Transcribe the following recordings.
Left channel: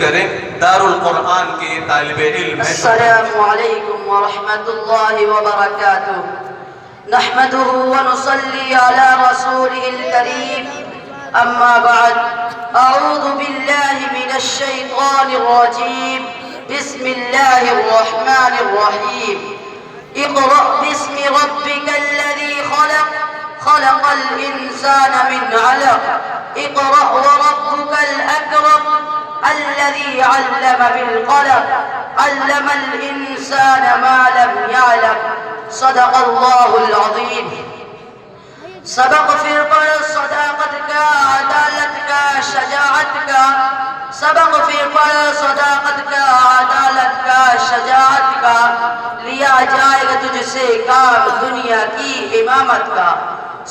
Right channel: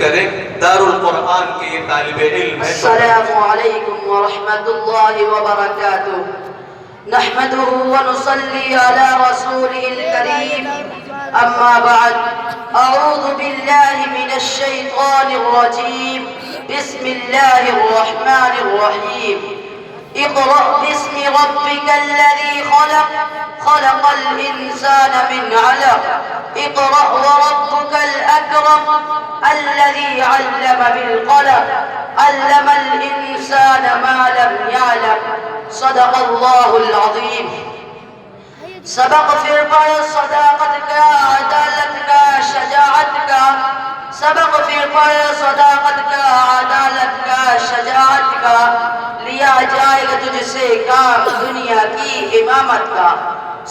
کریں۔ دار القرآن کے یہ طالب علم ہیں۔ السلام علیکم ورحمۃ اللہ وبرکاتہ۔ نحمده ونصلي على رسوله الكريم، أما بعد، أعوذ بالله من الشيطان الرجيم، بسم الله الرحمن الرحيم۔ اقرأ باسم ربك الذي خلق، خلق الإنسان من علق، اقرأ وربك الأكرم الذي علم بالقلم، علم الإنسان ما لم يعلم۔ صدق اللہ العظیم۔ سبق پھر پڑھ صداقت کا، عدالت کا، شجاعت کا۔ سبق پھر پڑھ صداقت کا، عدالت کا، شجاعت کا۔ لیا جائے گا تجھ سے کام دنیا کی امامت کا۔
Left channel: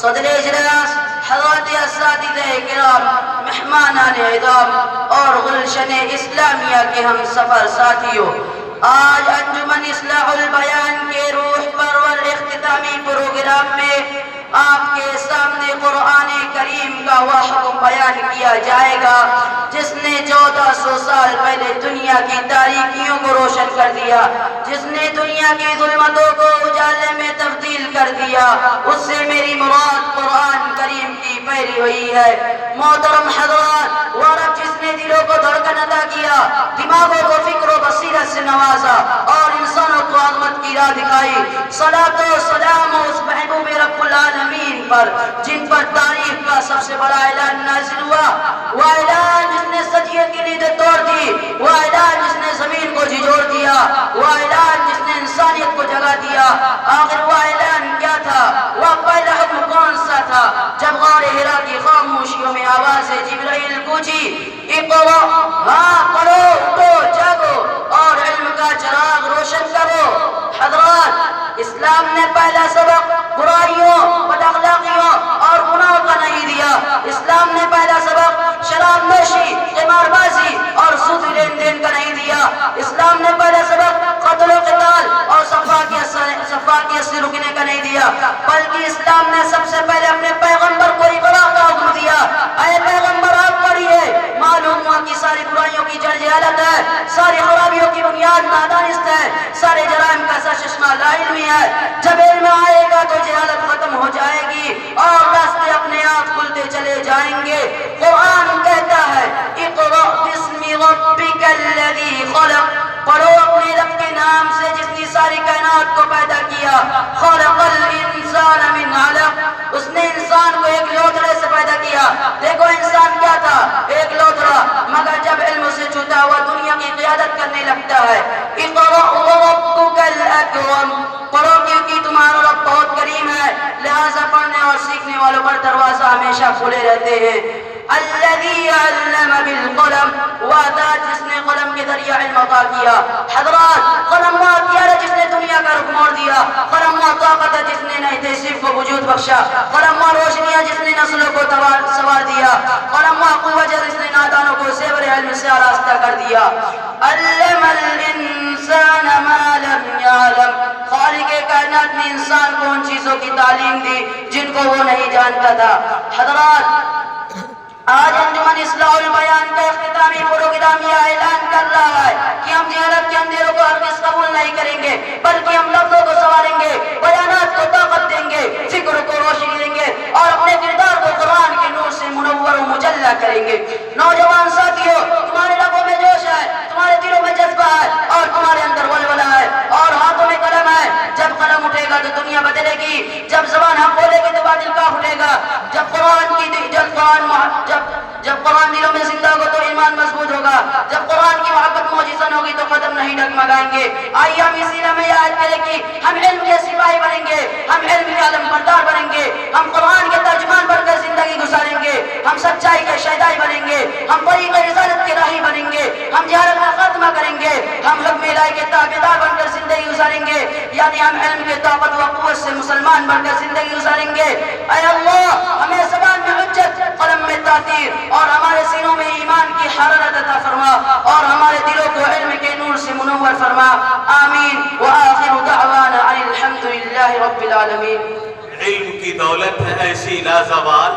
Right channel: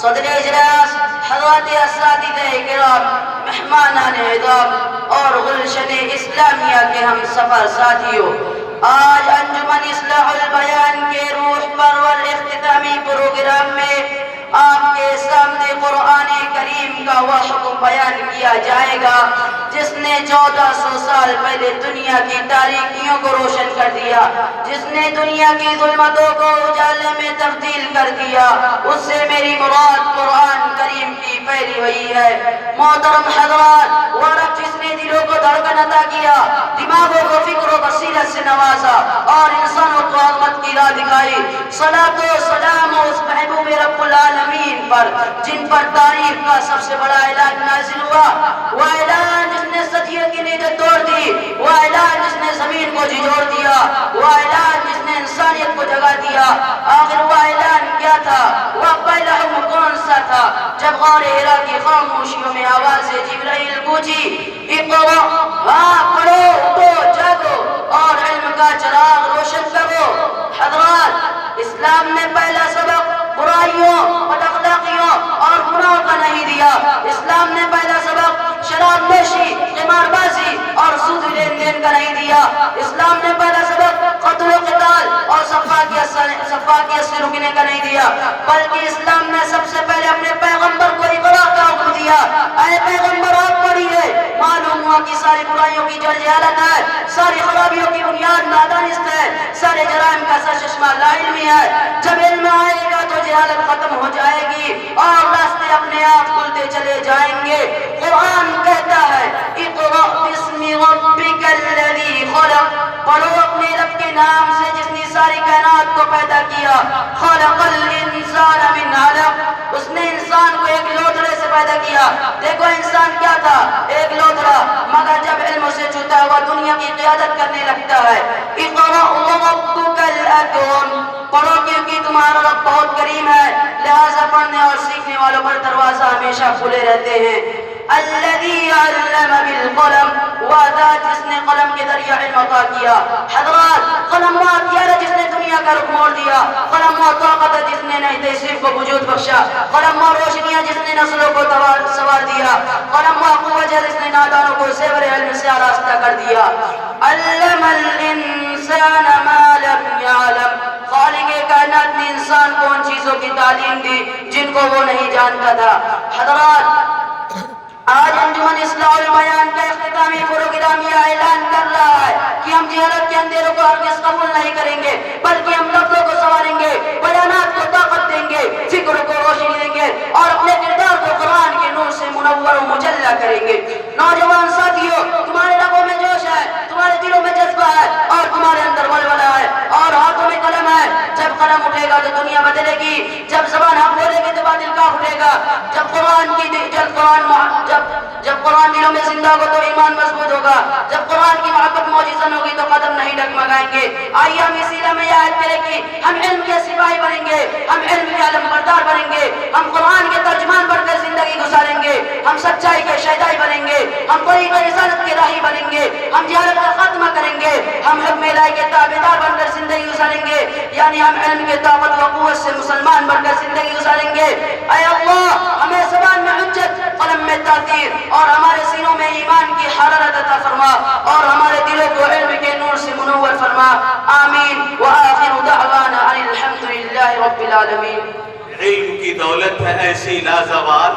صدر اجلاس، حضرات اساتذہ کرام، مہمانان اعظام اور گلشن اسلامیہ کے ہم سفر ساتھیوں، آج انجمن اصلاح البیان کے روح پرور اختتامی پروگرام میں آپ کے سامنے قرآن کریم کا وہ حکم بیان کیا جائے گا جس نے 1400 سال پہلے دنیا کی تاریکیوں کو روشن کر دیا، جس نے دنیا کی ظلمتوں کو اجالے میں تبدیل کر دیا۔ اس سے میری مراد قرآن کریم کی پیروی وہی ہے۔ محترم حضرات، وہ رب جس نے دلوں کو دھڑکن عطا کیا، دماغوں کو فکر و بصیرت سے نوازا اور انسانوں کو عظمت کی راہ دکھائی، صلاۃ و سلام اس محبوب رب العالمین پر جن پر تاریخ کا سب سے بڑا اعلان نازل ہوا، وہ اعلان جس نے صدیوں کی نیند توڑ دی، وہ اعلان جس نے زمین کو جھنجھوڑ دیا، وہ اعلان جس نے انسانیت کو جگا دیا۔ آخر وہ اعلان کیا تھا؟ وہ پہلا حکم کون سا تھا؟ جب غار حرا کی خاموشیوں میں آواز جبرائیل گونجی، اقرأ، ہاں پڑھو، اٹھو، جاگو اور علم کا چراغ روشن کرو۔ حضرات، اسلام نے پہلا سبق برائیوں، بد اخلاقیوں اور گناہوں کا نہیں دیا۔ اسلام نے پہلا سبق شراب نوشی، قمار بازی اور سود لین دین کا نہیں دیا۔ اسلام نے پہلا سبق قتل و قتال اور صفاقیت سے رکنے کا نہیں دیا، بلکہ اسلام نے سب سے پہلے اپنے پیغمبر کو اقرا کا حکم دیا۔ اے پیغمبر، آپ پڑھیے، معلوم ہوا کہ ساری برائیوں کی جڑ جہالت ہے، ساری خرابیوں کی بنیاد نادانست ہے، سارے جرائم کا سر چشمہ لا علمی ہے۔ جب علم آئے گا تو جہالت ختم ہو جائے گی اور راستے اپنے آپ کھلتے چلے جائیں گے۔ قرآن کہتا ہے، اقرأ باسم ربک الذی خلق، پڑھو اپنے رب کے نام سے جس نے ساری کائنات کو پیدا کیا۔ خلق الانسان من علق، اس نے انسان کو ایک لوتھڑے سے پیدا کیا۔ دیکھو انسان کیا تھا؟ ایک لوتھڑا، مگر جب علم سے چھوٹا ہوا دنیا کی قیادت کرنے لگتا ہے۔ اقرأ وربک الاکرم، پڑھو کیونکہ تمہارا رب بہت کریم ہے، لہذا پڑھنے اور سیکھنے والوں پر دروازہ ہمیشہ کھلے رہتے ہیں۔ الذی علم بالقلم، وہ ذات جس نے قلم کے ذریعے علم عطا کیا۔ حضرات، قلم وہ ہتھیار ہے جس نے دنیا کا رخ موڑ دیا، قلم وہ طاقت ہے جس نے نئی تہذیب کو وجود بخشا، قلم وہ روشنی ہے جس نے نسلوں کو سنوار دیا، قلم وہ قوت ہے جس نے نادانوں کو زیور علم سے آراستہ کر دیا۔ علم الانسان ما لم يعلم، خالق کائنات نے انسان کو ان چیزوں کی تعلیم دی جن کو وہ نہیں جانتا تھا۔ حضرات، آج انجمن اصلاح البیان کا اختتامی پروگرام یہ اعلان کر رہا ہے کہ ہم جہالت کے اندھیروں کو ہرگز قبول نہیں کریں گے، بلکہ ہم لفظوں کو سنواریں گے، بیانات کو طاقت دیں گے، فکر کو روشنی دیں گے اور اپنے کردار کو قرآن کے نور سے منور و مجلہ کریں گے۔ نوجوان ساتھیوں، تمہارے لبوں میں جوش ہے، تمہارے دلوں میں جذبہ ہے اور تمہارے اندر ولولہ ہے اور ہاتھوں میں قلم ہے۔ جب قلم اٹھے گا تو دنیا بدلے گی، جب زبان حق بولے گی تو باطل کاف اٹھے گا، جب قرآن دلوں میں زندہ ہو تو ایمان مضبوط ہوگا، جب قرآن کی محبت موجزن ہوگی تو قدم نہیں ڈگمگائیں گے۔ آئیے ہم اسی لمحے آیت کریں کہ ہم علم کے سپاہی بنیں گے، ہم علم کے علم بردار بنیں گے، ہم قرآن کے ترجمان بن کر زندگی گزاریں گے، ہم سچائی کے شہدائی بنیں گے، ہم طریق رسالت کے راہی بنیں گے، ہم جہالت کا خاتمہ کریں گے، ہم حکم الہی کے تابعدار بن کر زندگی گزاریں گے، یعنی ہم علم کے طاقت و قوت سے مسلمان بن کر زندگی گزاریں گے۔ اے اللہ، ہمیں زبان میں حجت، قلم میں تاثیر اور ہمارے سینوں میں ایمان کی حرارت عطا فرما اور ہمارے دلوں کو علم کے نور سے منور فرما۔ آمین وآخر دعوانا ان الحمد للہ رب العالمین۔ علم کی دولت ہے ایسی لازوال